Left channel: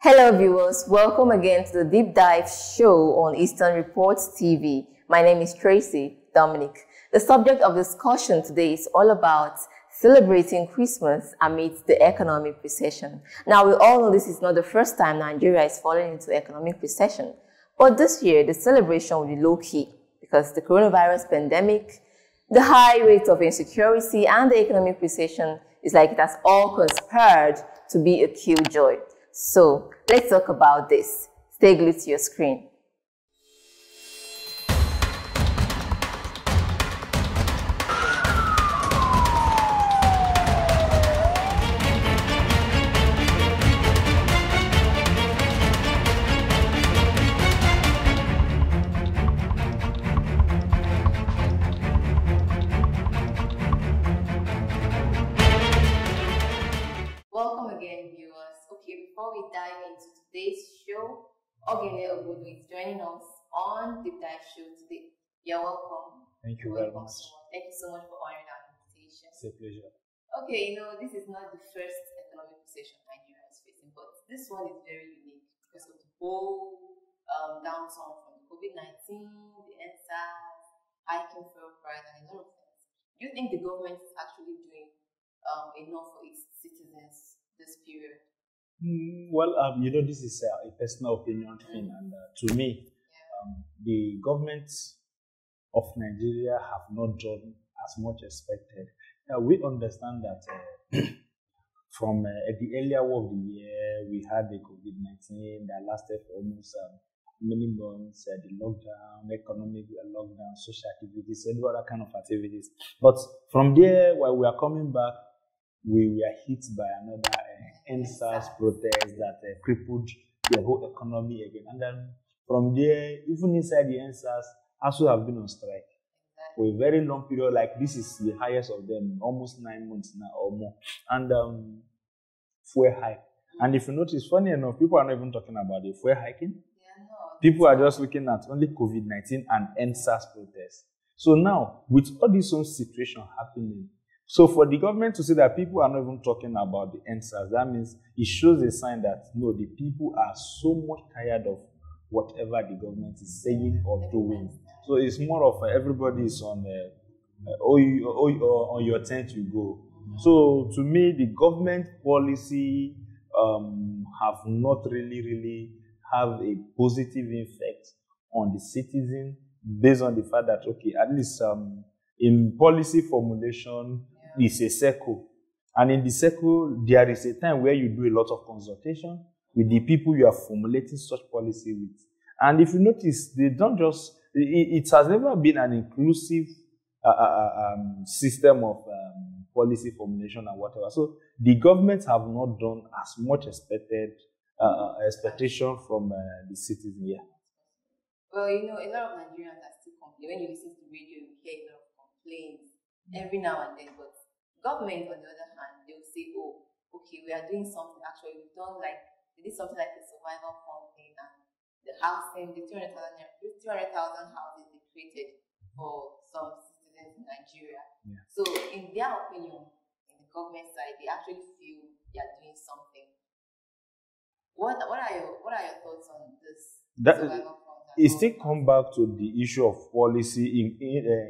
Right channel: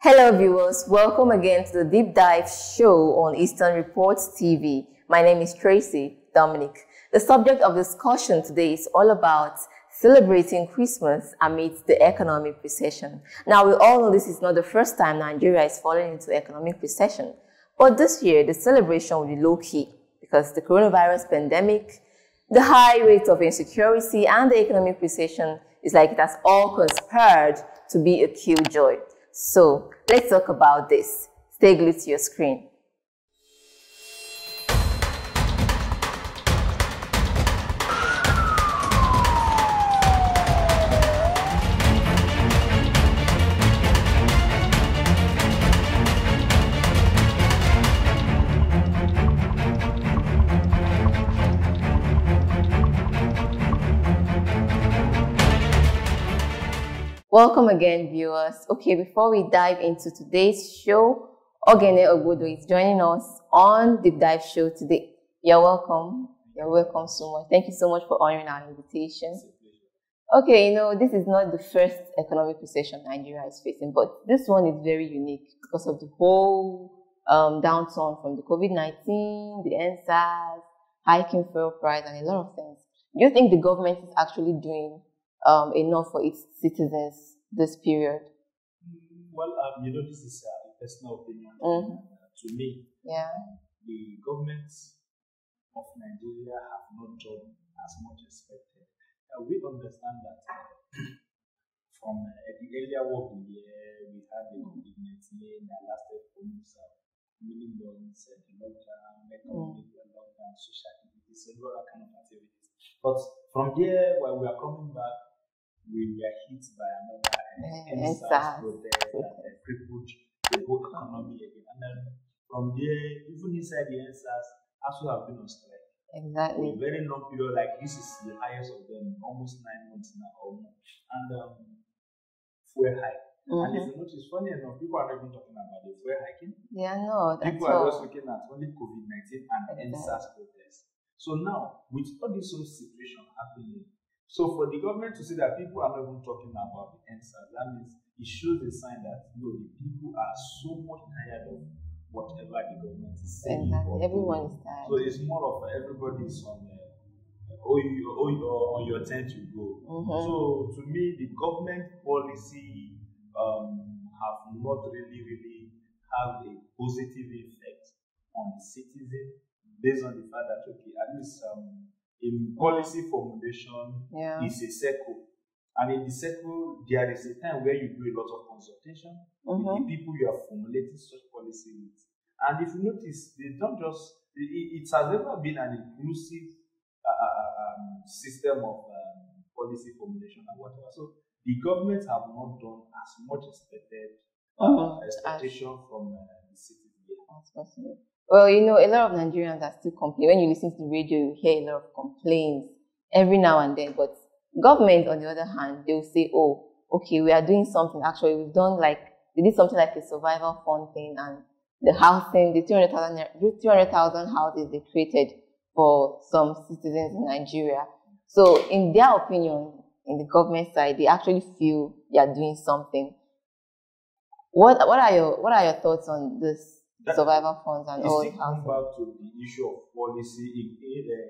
Hello viewers, welcome again to the Deep Dive show on Eastern Reports TV. My name is Tracy Dominic. The subject of discussion today is all about celebrating Christmas amidst the economic recession. Now we all know this is not the first time Nigeria is falling into economic recession, but this year the celebration will be low-key because the coronavirus pandemic, the high rate of insecurity and the economic recession is like it has all conspired to be a killjoy. So let's talk about this. Stay glued to your screen. Welcome again, viewers. Okay, before we dive into today's show, Ogene Obodo is joining us on Deep Dive show today. You're welcome. You're welcome so much. Thank you so much for honoring our invitation. It's a pleasure. Okay, this is not the first economic recession Nigeria is facing, but this one is very unique because of the whole downturn from the COVID-19, the NSAS, hiking fuel price, and a lot of things. Do you think the government is actually doing enough for its citizens this period? Well, this is a personal opinion, and to me, the government of Nigeria have not done as much expected. We understand that from the earlier of the year, we had the COVID-19 that lasted for almost many months, the lockdown, economic lockdown, social activities, and other kind of activities. But from there, while we are coming back, we were hit by another NSAS protest that crippled the whole economy again. And then from there, even inside the NSAS, also have been on strike. Exactly. For a very long period, like this is the highest of them, almost 9 months now or more. And fuel hike. And if you notice, funny enough, people are not even talking about the fuel hiking. Yeah, no. People are just looking at only COVID-19 and NSAS protests. So now, with all this own situation happening, so for the government to say that people are not even talking about the NSAS, that means it shows a sign that no, the people are so much tired of whatever the government is saying or everyone doing. is tired. So it's more of everybody is on on your tent you go. So to me, the government policy have not really have a positive effect on the citizen based on the fact that okay, at least in policy formulation is a circle. And in the circle, there is a time where you do a lot of consultation with the people you are formulating such policy with. And if you notice, they don't just, it has never been an inclusive system of policy formulation and whatever. So the government have not done as much expectation from the citizen here. That's possible. Well, a lot of Nigerians are still complaining. When you listen to the radio, you hear a lot of complaints every now and then. But government, on the other hand, they'll say, oh, okay, we are doing something. Actually, they did something like a survival fund thing, and the housing, the 200,000 houses they created for some citizens in Nigeria. Yeah. So in their opinion, in the government side, they actually feel they are doing something. What are your thoughts on this? Survival funds and it still come back to the issue of policy,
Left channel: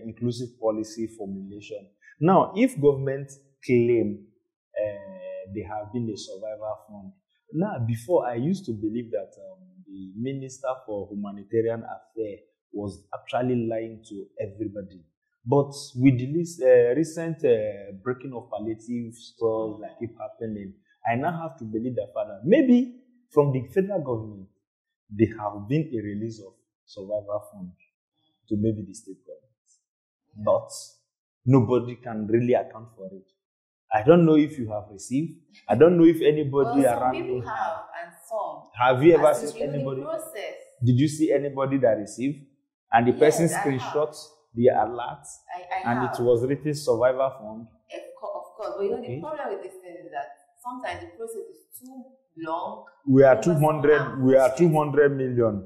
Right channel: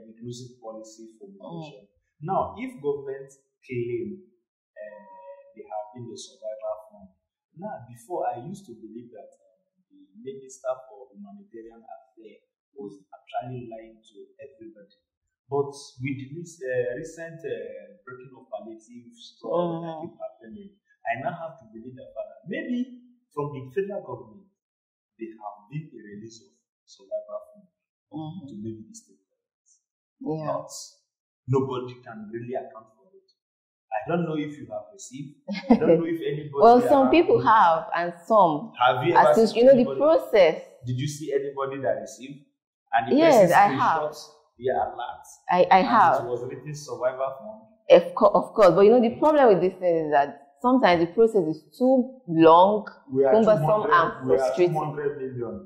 inclusive policy formulation. Now, if government claim they have been a survival fund, now before I used to believe that the Minister for Humanitarian Affairs was actually lying to everybody. But with the recent breaking of palliative stuff that keep happening, I now have to believe that maybe from the federal government, there have been a release of survival fund to maybe the state governments. But nobody can really account for it. I don't know if you have received. I don't know if anybody. Well, some people have, and some. Have you ever seen the process? Did you see anybody that received? And the person screenshot the alert. I have. And it was written survival fund. Of course. But the problem with this thing is that sometimes the process is too long. We are 200 million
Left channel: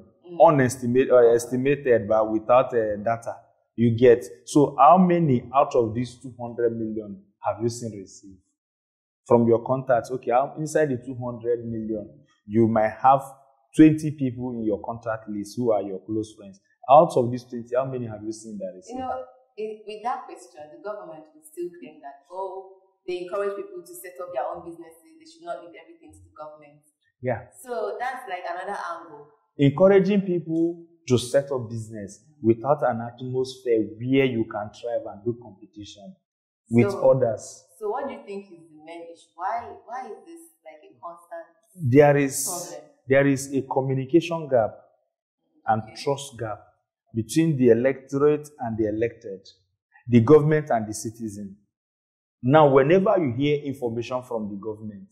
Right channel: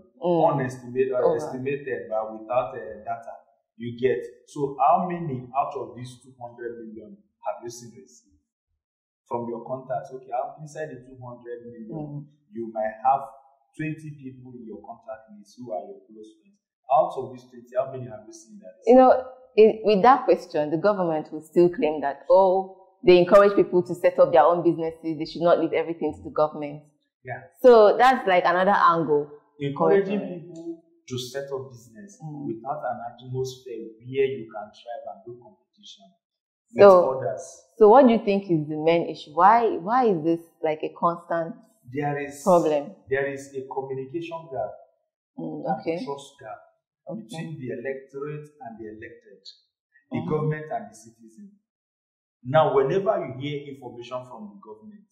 estimated, but without data. You get. So how many out of these 200 million have you seen received? from your contacts. Okay, inside the 200 million, you might have 20 people in your contact list who are your close friends. Out of these 20, how many have you seen that is? You know, with that question, the government will still claim that, oh, they encourage people to set up their own businesses. They should not leave everything to the government. Yeah. So that's like another angle. Encouraging people to set up business without an atmosphere where you can thrive and do competition with others. So what do you think is the main issue? Why is this like a constant problem? There is a communication gap and trust gap between the electorate and the elected, the government and the citizen. Now, whenever you hear information from the government,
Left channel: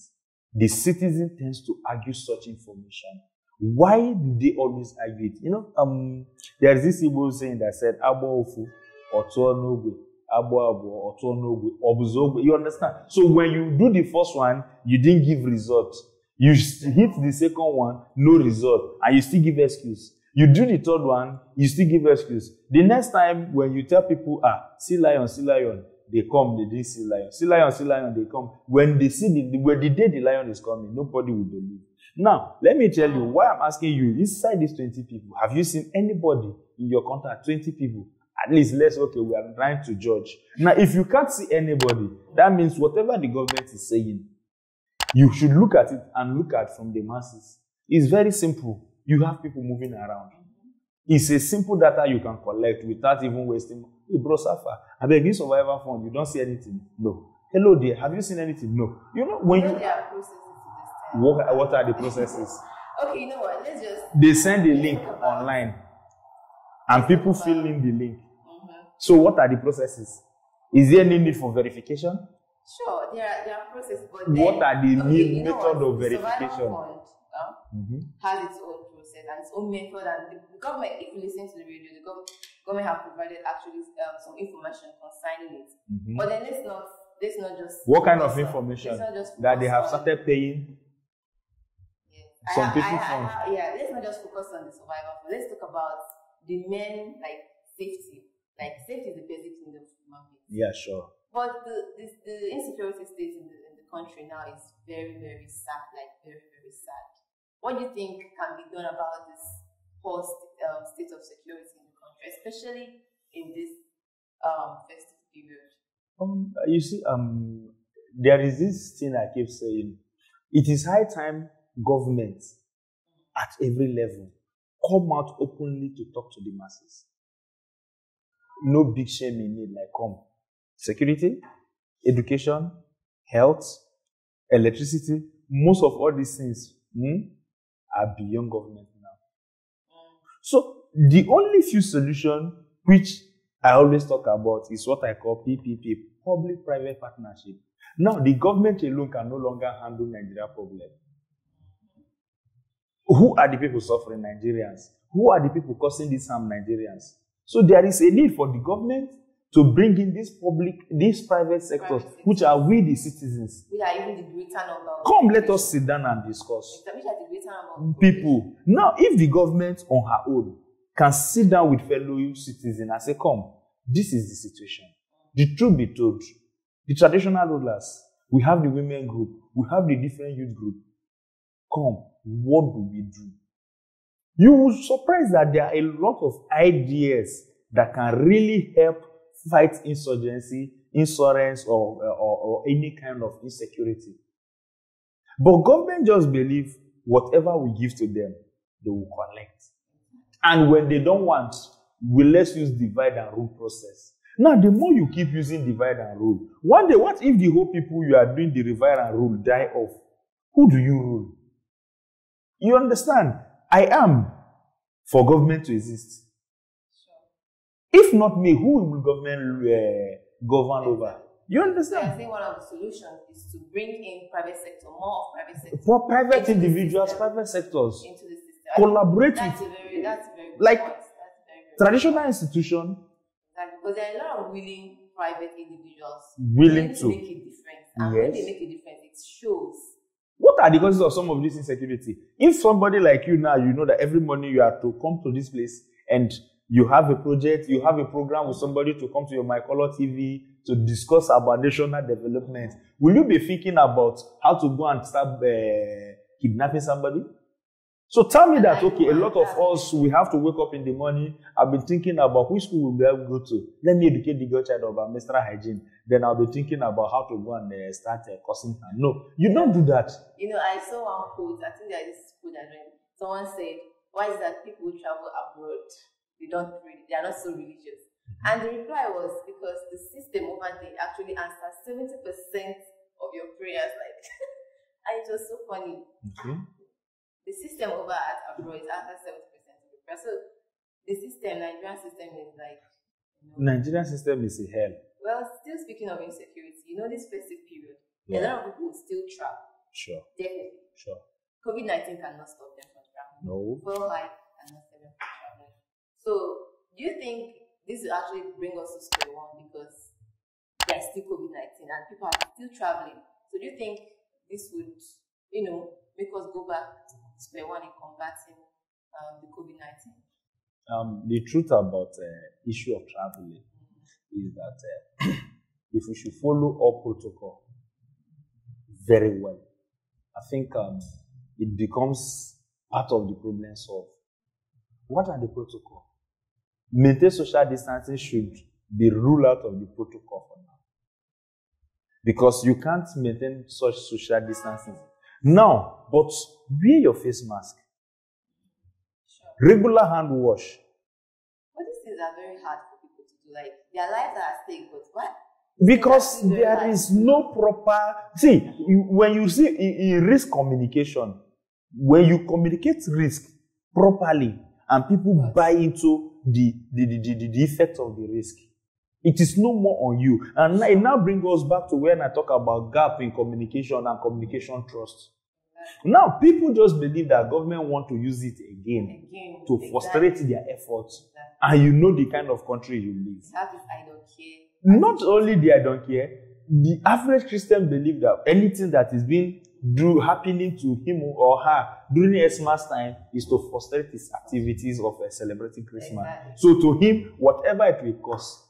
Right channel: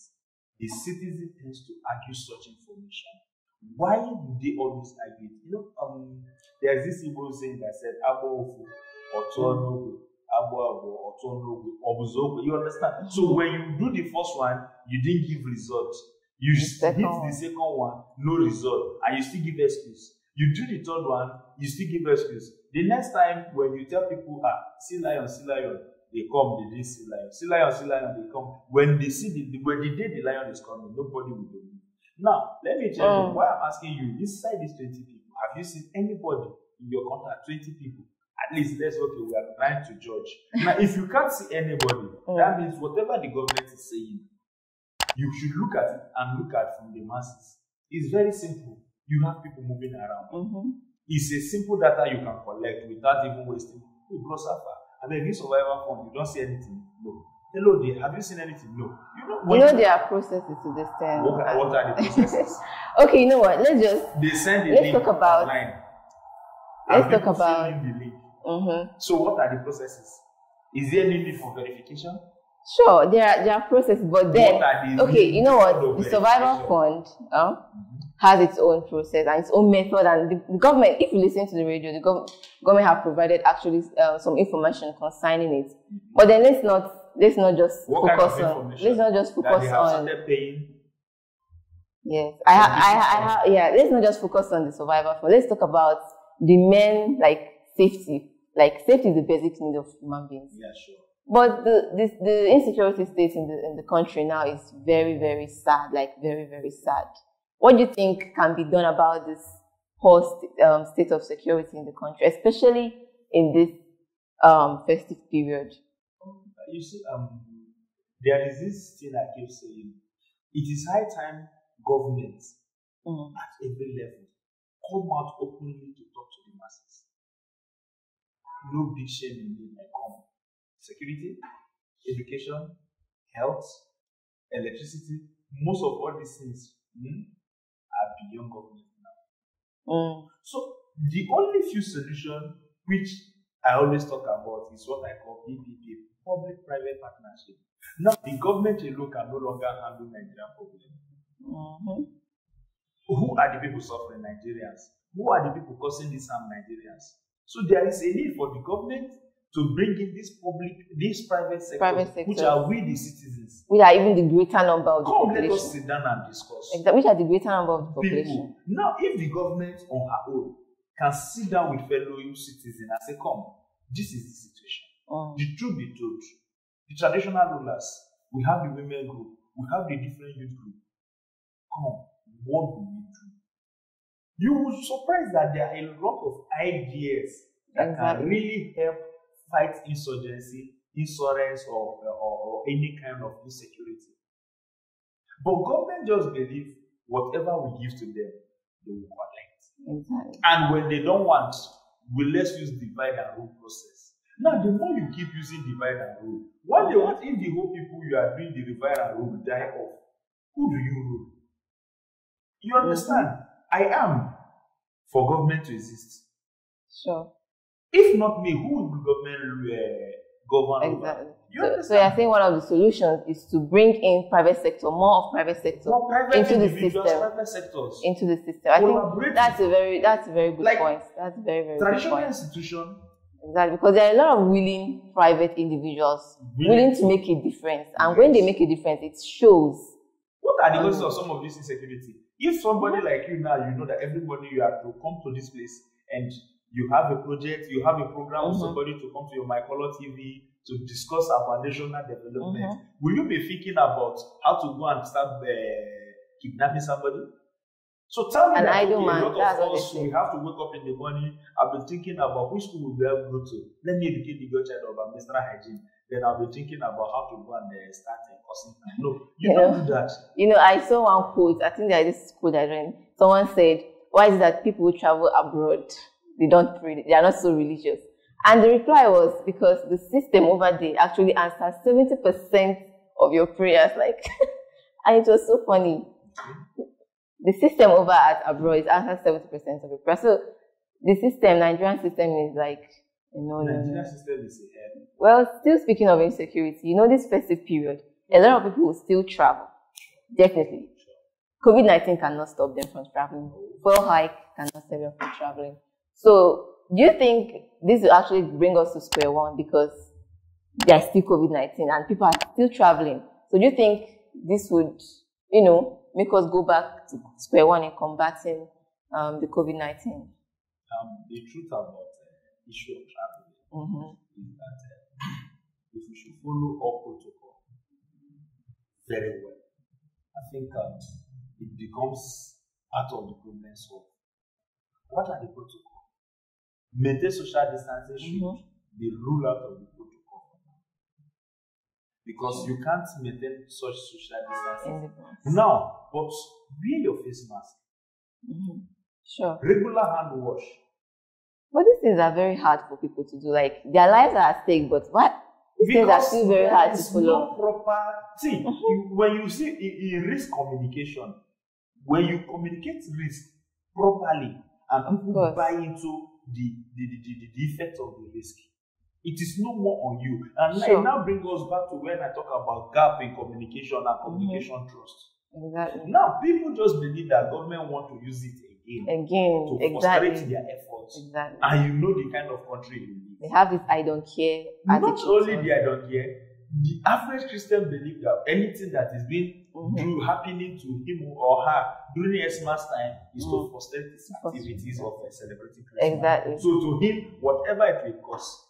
the citizen tends to argue such information. Why do they always argue it? You know, there's this Igbo saying that said, Abo Ofu, Otuonogwe, Abo Abo, Otuonogwe, Obuzogwe. You understand? So when you do the first one, you didn't give result. You hit the second one, no result, and you still give excuse. You do the third one, you still give excuse. The next time when you tell people, see lion, they come, they didn't see lion. See lion, they come. When they see when the day the lion is coming, nobody will believe. Now, let me tell you why I'm asking you. Inside these 20 people, have you seen anybody in your contact? 20 people. At least we are trying to judge. Now, if you can't see anybody, that means whatever the government is saying, you should look at it and look at from the masses. It's very simple. You have people moving around. It's a simple data you can collect without even wasting. Hey, bro, Safa, I beg you, survivor fund, you don't see anything? No. Hello there, have you seen anything? No. You know there are processes to this thing. What are the processes? Okay, you know what? They send the link online. And people fill in the link. So what are the processes? Is there any need for verification? Sure, there are processes, but then you know what? The survival fund has its own process and its own method, and the government, if you listen to the radio, the government have provided actually some information concerning it. But then let's not just what kind of information? Let's not just focus that they have started paying. Yes, let's not just focus on the survival fund. Let's talk about the main safety. Safety is the basic need of human beings. Yeah, sure. But the insecurity state in the country now is very, very sad. Very, very sad. What do you think can be done about this whole state of security in the country, especially in this festive period? You see, there is this thing I keep saying. It is high time government at every level come out openly to talk to the masses. No big shame in it, come. Security, education, health, electricity, most of all these things are beyond government now. So the only few solutions which I always talk about is what I call PPP, public-private partnership. Now, the government alone can no longer handle Nigeria problem. Who are the people suffering? Nigerians. Who are the people causing this harm? Nigerians. So there is a need for the government to bring in these private sectors, which are we the citizens. Which are even the greater number of the population. Let us sit down and discuss. Exactly. Which are the greater number of the people. Now, if the government on her own can sit down with fellow citizens and say, come, this is the situation. The truth be told, the traditional rulers, we have the women group, we have the different youth group. Come, what do we do? You will be surprised that there are a lot of ideas that can really help fight insurgency, insurance, or any kind of insecurity. But government just believe whatever we give to them, they will collect. Exactly. And when they don't want, let's use divide and rule process. Now, the more you keep using divide and rule, one day, what if the whole people you are doing the divide and rule die off? Who do you rule? You understand? I am for government to exist. Sure. If not me, who will government govern over? You understand? So you're saying one of the solutions is to bring in private sector, more of private sector, private individuals, private sectors into the system. Collaborate. That's a very good point. That's very, very traditional good point. Institution. Exactly, because there are a lot of willing private individuals willing to make a difference, and when they make a difference, it shows. What are the causes of some of this insecurity? If somebody like you now, you know that every morning you have to come to this place and you have a project, you have a program with somebody to come to your My Color TV to discuss about national development, will you be thinking about how to go and start kidnapping somebody? So tell me that, okay, a lot of us, we have to wake up in the morning. I've been thinking about which school we'll be able to go to. Let me educate the girl child about menstrual hygiene. Then I'll be thinking about how to go and start cursing her. No, you don't do that. You know, I saw one quote. I think that this quote I read. Someone said, why is it that people who travel abroad, they don't pray, they are not so religious? And the reply was, because the system over there actually answers 70% of your prayers. Like, and it was so funny. The system over at abroad answers 70% of your prayers. So the system, Nigerian system, is like, you know, Nigerian system is a hell. Well, still speaking of insecurity, you know, this festive period, a lot of people will still travel. Sure. Definitely. Sure. COVID-19 cannot stop them from traveling. No. Fuel hike cannot stop them from traveling. So, do you think this will actually bring us to square one because there's still COVID-19 and people are still traveling? So, do you think this would, you know, make us go back to square one in combating the COVID-19? The truth about issue of traveling is that if we should follow all protocol very well, I think it becomes part of the problem solved. What are the protocol? Maintain social distancing should be ruled out of the protocol for now. Because you can't maintain such social distancing. Now, but wear your face mask. Sure. Regular hand wash. But these things are very hard for people to do. Like, their lives are at stake, but what? Because there is no proper... See, when you see in risk communication, when you communicate risk properly and people buy into the effect of the risk, it is no more on you. And it now brings us back to when I talk about gap in communication and communication trust. Exactly. Now, people just believe that government want to use it again to frustrate their efforts. Exactly. And you know the kind of country you live. They have this I don't care. Not only the I don't care, the average Christian believe that anything that is being happening to him or her during Xmas time is to frustrate his activities of celebrating Christmas. Exactly. So to him, whatever it will cost,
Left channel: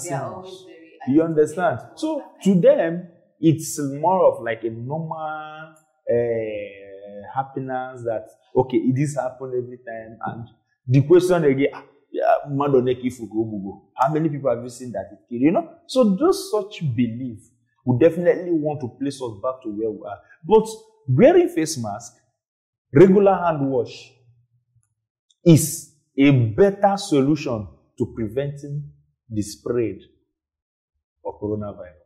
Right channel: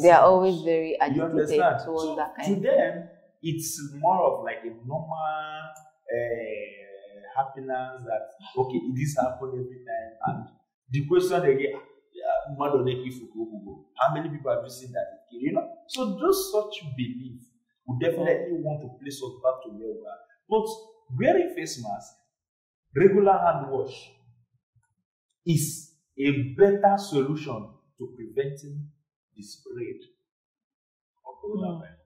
they are always very agitated. You understand? So to them, it's more of like a normal happiness that, okay, it is happen every time. And the question again, how many people have you seen that it killed? You know? So those such belief would definitely want to place us back to where we are. But wearing face mask, regular hand wash is a better solution to preventing the spread of coronavirus.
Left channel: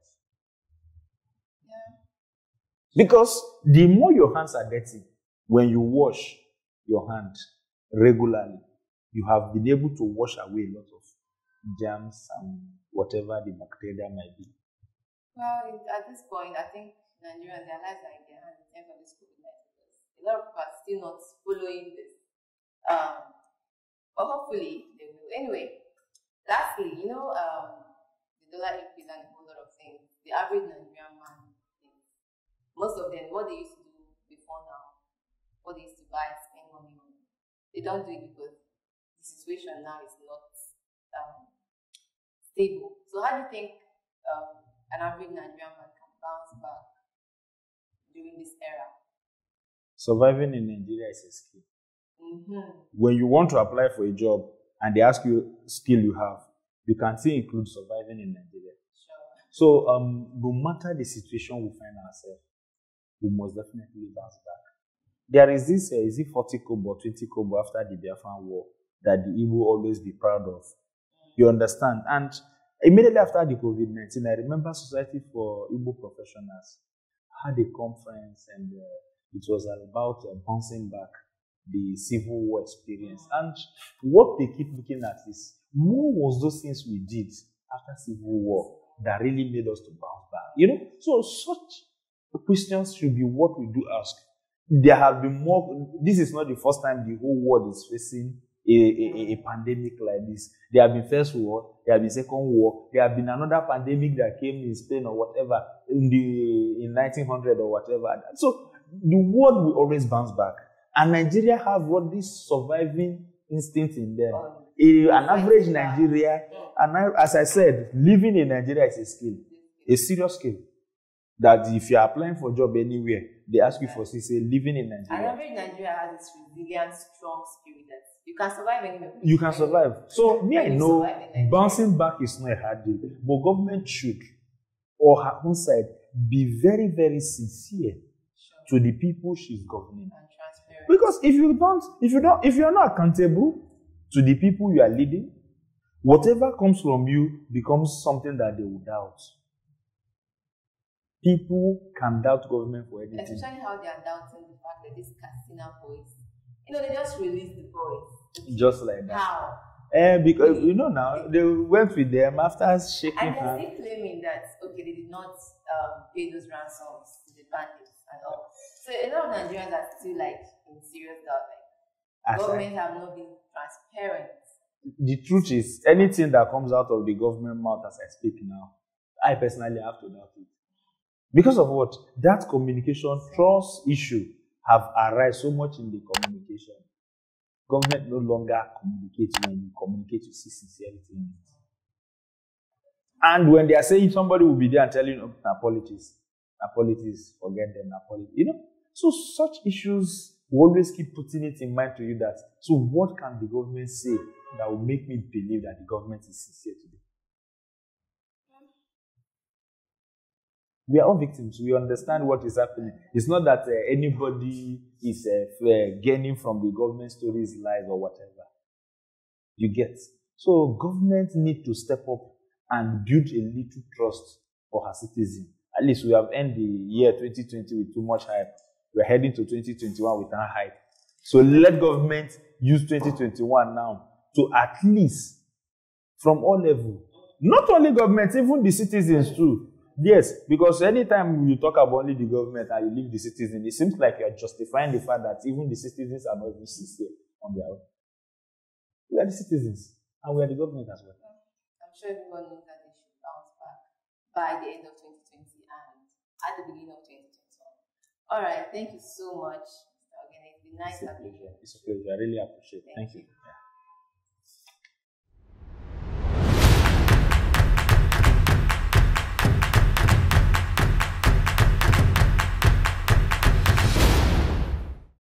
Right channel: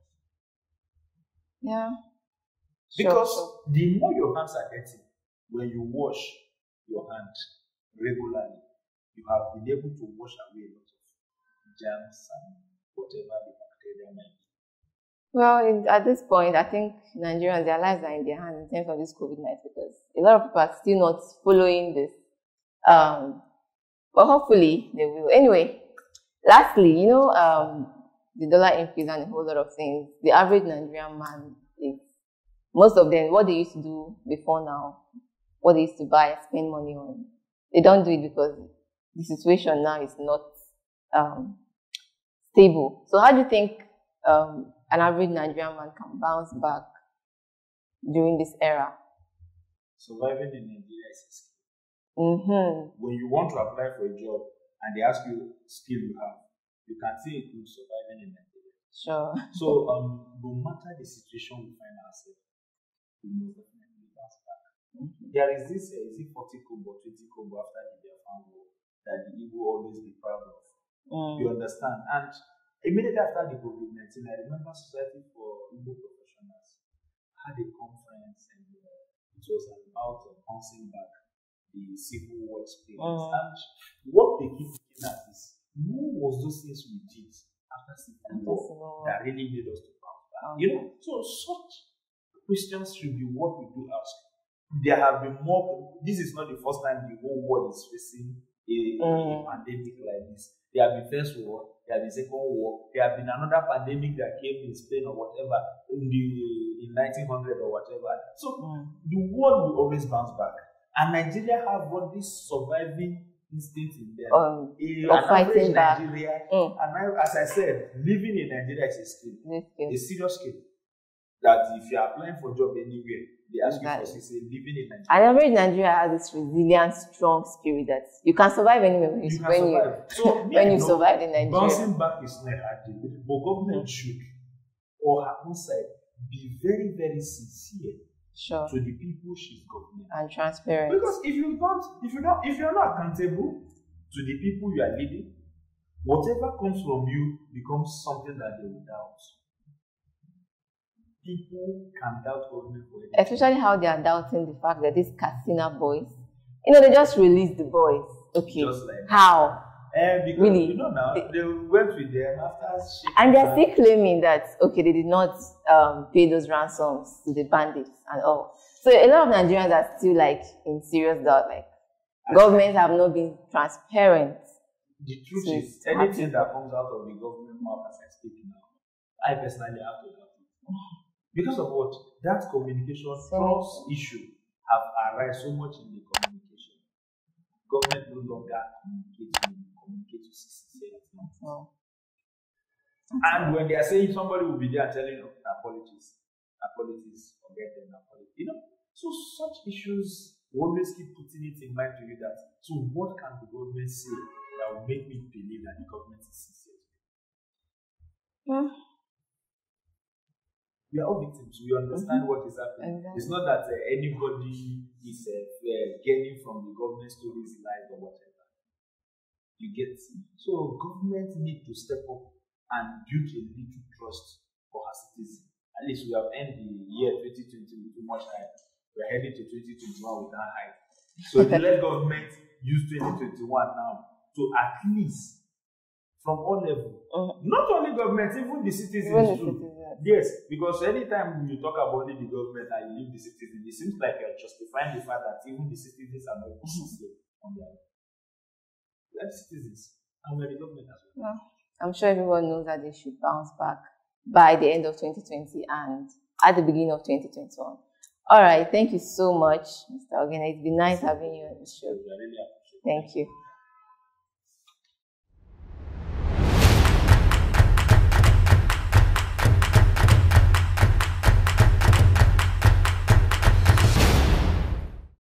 Yeah. Because the more your hands are dirty, when you wash your hand regularly, you have been able to wash away a lot of germs and whatever the bacteria might be. Well, at this point, I think Nigerians, their lives are in their hands in terms of this COVID-19 because a lot of people are still not following this. But hopefully they will. Anyway, lastly, you know, the dollar increase and a whole lot of things. The average Nigerian man is, most of them, what they used to do before now, what they used to buy, spend money on, they don't do it because the situation now is not stable. So how do you think an average Nigerian man can bounce back during this era? Surviving in Nigeria is a skill. When you want to apply for a job and they ask you skill you have, you can still include surviving in Nigeria. Sure. So no matter the situation we find ourselves, we must definitely bounce back. There is this, is it 40 kobo, 20 kobo after the Biafran War that the Igbo always be proud of. You understand? And immediately after the COVID-19, I remember Society for Igbo Professionals had a conference and it was about bouncing back the Civil War experience. And what they keep looking at is, what was those things we did after Civil War that really made us to bounce back? You know? So such questions should be what we do ask. There have been more, this is not the first time the whole world is facing a pandemic like this. There have been First War, there have been Second War, there have been another pandemic that came in Spain or whatever in 1900 or whatever. So the world will always bounce back. And Nigeria have what this surviving instinct in them. Of An average fighting back. Nigeria, as I said, living in Nigeria is a skill, a serious skill. That if you are applying for a job anywhere, they ask you for say living in Nigeria. And average Nigeria has this resilient, strong spirit that you can survive anywhere. You can survive. So when you survive in Nigeria, bouncing back is not a hard deal. But government should, or her own side, be very, very sincere to the people she's governing and transparent. Because if you're not accountable to the people you are leading, whatever comes from you becomes something that they will doubt. People can doubt government for anything. Especially how they are doubting the fact that these Katsina boys, they just released the boys. Okay. Just like that. How? Because really? Now they went with them after shaking. And they're still claiming that they did not pay those ransoms to the bandits and all. So a lot of Nigerians are still in serious doubt. Governments have not been transparent. The truth is, anything that comes out of the government mouth as I speak now, I personally have to doubt it. Because of what? That communication trust issue have arisen so much in the communication. Government no longer communicates when you communicate, you see sincerity. And when they are saying somebody will be there and telling you, politics, forget them, So such issues will always keep putting it in mind to you that, so what can the government say that will make me believe that the government is sincere today? We are all victims. We understand what is happening. It's not that anybody is gaining from the government stories, lies, or whatever. You get. So government need to step up and build a little trust for her citizens. At least we have ended the year 2020 with too much hype. We're heading to 2021 with that hype. So let government use 2021 now to at least, from all levels, not only government, even the citizens too. Yes, because anytime you talk about only the government and you leave the citizens, it seems like you're justifying the fact that even the citizens are not even sincere on their own. We are the citizens, and we are the government as well. I'm sure everyone knows that they should bounce back by the end of 2020 and at the beginning of 2021. All right, thank you so much, Mr. Ogene. It's been nice having you on the show. I really appreciate it. Thank you.